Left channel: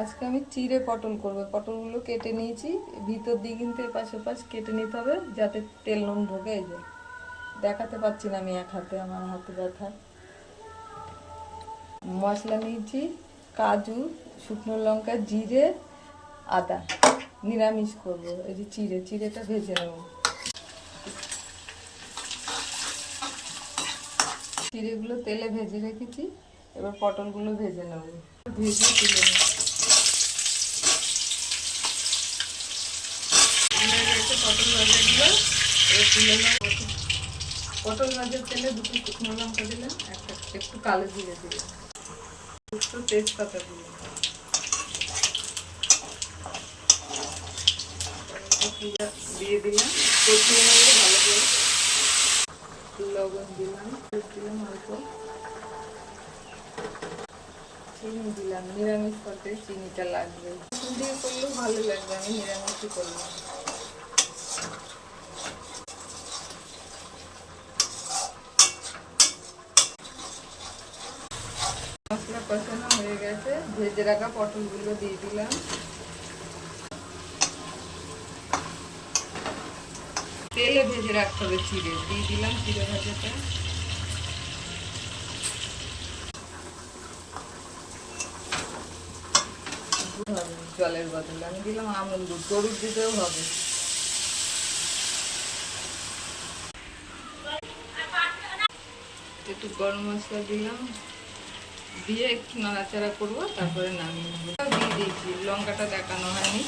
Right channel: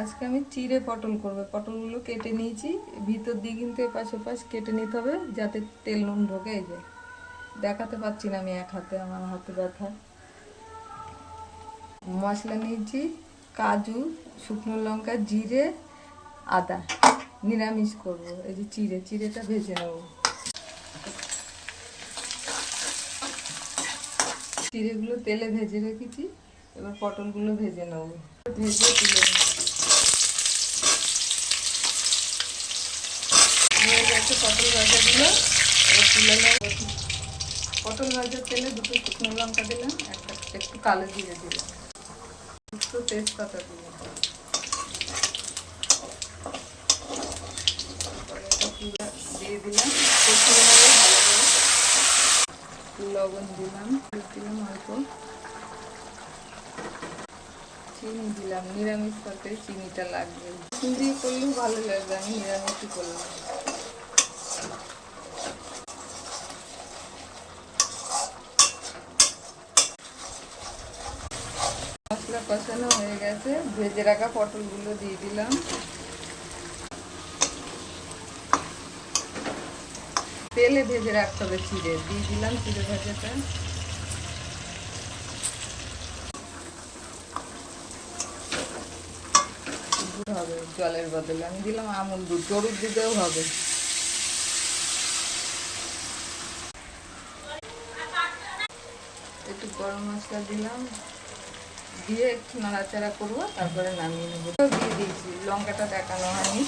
আজকে আমি চিড়ে পটল করব। পটলগুলো কেটে নিয়েছি, ভিতর দিয়ে কিন্তু এপাশ ওপাশ কেটে নিতে হবে যাতে তেল নুন ঢোকে। এই যে দেখাতে পাচ্ছি না আমি এক হাতে, আমার হাতে ব্যথা। মশলা নিয়েছি কাজু, শুকনো লঙ্কা, জিরে, আদা। নিরামিষ করব। এই যে চিড়েটা ভেজে নেব। চিড়েগুলো তেলে ভেজে রেখেছি, এবার পটলগুলো ভেজে নেব। ভেজে তুলে নেব। পটল ভাজাগুলো এবার তুলে নেব। পটল ভাজার তেলে দুটো শুকনো লঙ্কা দিলাম, একটু কালো জিরে দিলাম, একটু তেজপাতা দিলাম, দিয়ে দিলাম, কষিয়ে নেবো ভালো করে। লবণ দিলাম, অল্প চিনি দিলাম। নিরামিষ তরকারি চিনিটা লাগবে, চিনি করলেও ভালো লাগবে, আমি নিরামিষই করলাম। মশলা কষানো হয়ে গেছে, ভেজে রাখা পটলগুলো দিয়ে দিলাম। তেলে ভেজে রাখতে হবে চিড়ে, দিয়ে দিলাম চিড়ে ভাজাটা। হবে জলের বদলে আমি দিলাম আমুল দুধ, গরুর দুধেও হবে। একটু গরম মশলা দিলাম, দিয়ে একটু নাড়াচাড়া করবো, তারপরে নামিয়ে নেবো। দিয়ে দিয়েছি, লঙ্কাটা দেখানো হয়নি।